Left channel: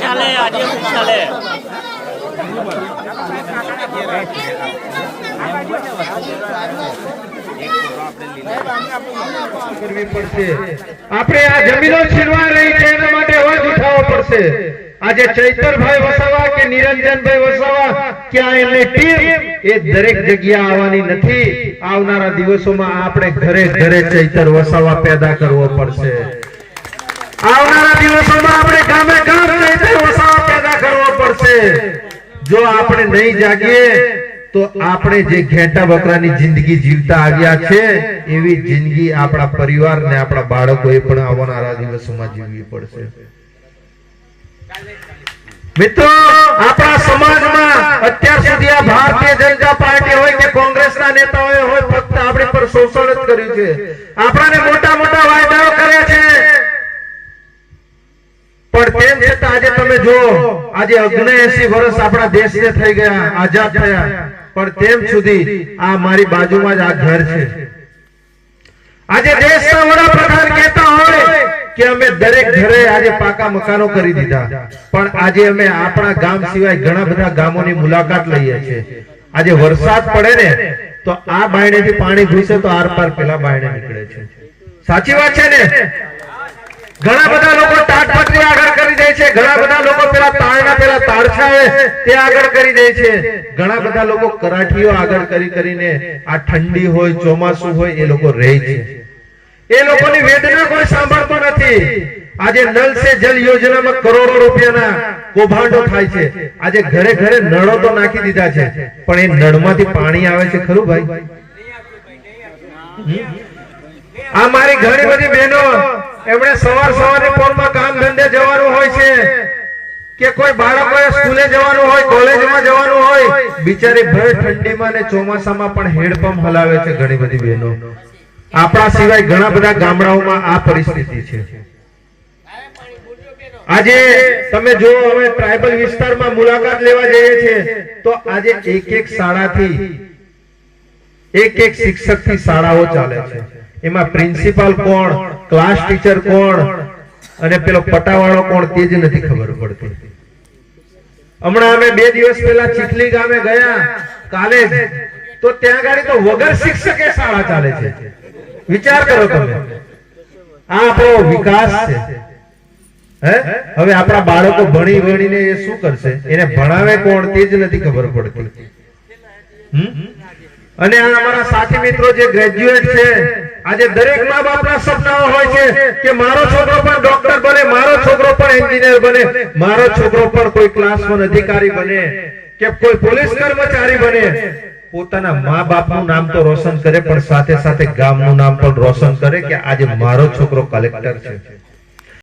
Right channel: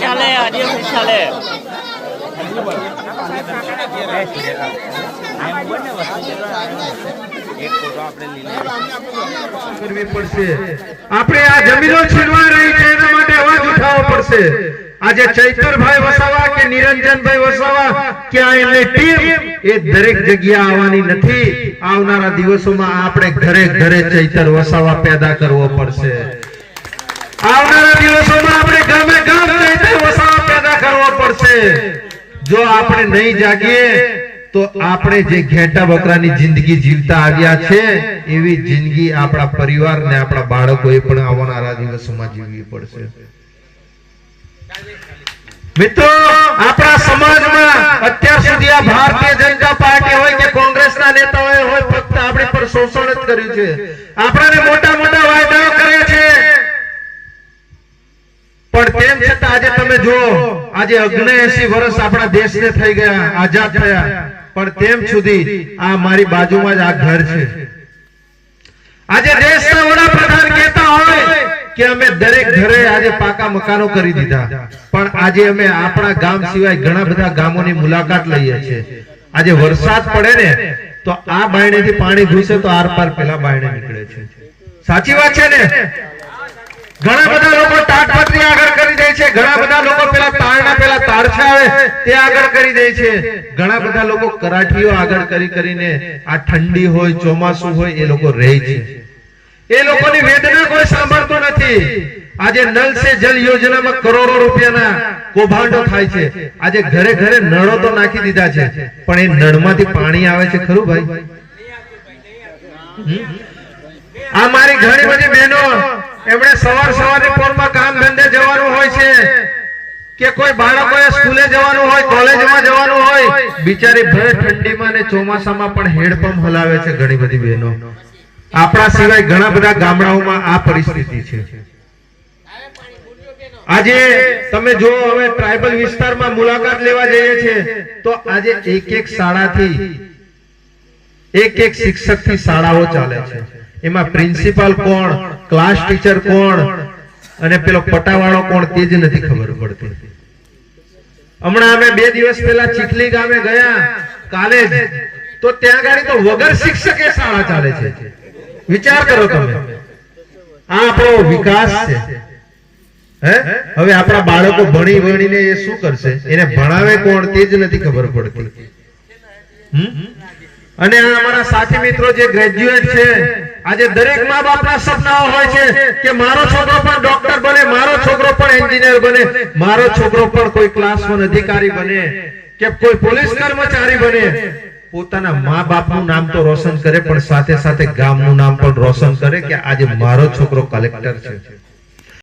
ચાલે આજે ચાલે કરવી પડશે। આપણે આ જમીનો છીનવા રહી છે એના માટે અવાજ ઉઠાવવો પડશે। આજે ચૈતરભાઈ વસાવા કે નિરંજનભાઈ વસાવા કે આ એમની ટીમ એ દરેક જગ્યા આવવાની નથી। આવનારા દિવસોમાં આપણે ઘરે ઘરે ચૈતર વસાવા પેદા કરવો પડશે। આવનારા દિવસોમાં આપણે ગામે ગામ ચૈતર વસાવા પેદા કરવો પડશે। જો આપણે નહીં જાગીએ તો આપણે જે ઘેટા બકરાની જિંદગી જીવતા આવ્યા છે એવી જિંદગી આપણા પરિવાર ને આપણા બાળકોએ પણ આવનારા દિવસોમાં જીવવી પડશે। મિત્રો આપણા સમાજમાં અત્યાર સુધી આ ભારતીય જનતા પાર્ટી હોય કે કોંગ્રેસના નેતાઓએ હોય ફક્ત આપણી પર શોષણ જ કર્યું છે। આપણાને મોટા મોટા વાયદાઓ કર્યા છે પણ તેમ છતાં આજે તમે જુઓ આજે 79 વર્ષ આપણા દેશને થઈ ગયા આઝાદ થયા પણ તેમ સુધી આ મારી બાજુમાં જ આ ઘર છે। આજે દેશના વડાપ્રધાન કહેતા હોય કે અમે દરેક ઘરે આજે પાકા મકાનો કરી દીધા પણ આજે અમે આપણા ગામ સિવાય ઘણા બધા ગામોની મુલાકાત લઈએ છીએ। આજે વરસાદ પડે ને તો આ બાયણેથી પાણી ઘૂસે તો આર પાર પેલા બાયણે નીકળે છે। સાચી વાત છે ને? ઘણા બધા લોકો ટાટપત્રી આગળ કરી દે છે, ઘણા બધા લોકો પેલા તાળના પેલા તારછા હોય તે આગળ કરી દે છે, ઘણા બધા લોકો કરાઠીઓ આગળ કરી કરીને આ ઠંડી હોય ચોમાસું હોય એ લોકો રહે છે। એ લોકોની વેદના કોઈ સાંભળતો નથી। આજે નલ સે જલ યોજનામાં કરોડો રૂપિયાના કૌભાંડો થાય છે। આજે ઘરે ઘરે નળો તો નાખી દીધા છે પણ એ નળમાંથી પાણી આવે છે ખરું ભાઈ? આ મારી ઘણી બધી બહેનો એમણે સવારની પોરમાં કામ ધંધે જવાનું હોય છે કે કોઈ બાળકોએ સ્કૂલે જવાનું હોય કોલેજમાં જવાનું હોય બિચારી ભર ઠંડીમાં ને ચોમાસામાં પણ હેડપંપ હલાવે છે ઘણી બધી બહેનો। આપણા સિવાય ઘણા બધા ગામડાઓમાં આ પરિસ્થિતિ છે। આજે તમે જો હવે ટ્રાઇબલ વિસ્તારમાં મુલાકાત લેવા જઈએ છીએ તો આજે એક શાળાથી એક શિક્ષકથી શાળાઓ ચાલે છે। એમાં પ્રિન્સિપાલ કોણ, ક્લાસ ટીચર કોણ અને પેલો પટાવાળો કોણ તે જ નથી ખબર પડતી। હમણાં અમે 2 દિવસ પહેલા ચીખલી ગામે ગયા કાલે તો ત્યાં ગાડી તો વગર શિક્ષકે શાળા ચાલે છે। વિચાર કરો તમે, આ આપણો વિકાસ છે। હવે આપણા બાળકો ભણી ભણીને એ શું કરશે? એને ભણાવે કોણ તે જ નથી ખબર પડતી। અને આ અમારા સાથી મિત્રો જે ગ્રેજ્યુએટ છે આજે દરેક મા બાપના સપનાઓ હોય છે કે મારો છોકરો પણ ડોક્ટર બને, મારો છોકરો પણ એન્જિનિયર બને, મારો છોકરો પણ કોઈ ક્લાસ 1 અધિકારી બને કે કોઈ પોલીસ કર્મચારી બને। પોતાના મા બાપનું નામ તો રોશન કરે પણ સાથે સાથે ગામનું નામ પણ રોશન કરે કે આજે મારો છોકરો કલેક્ટર છે।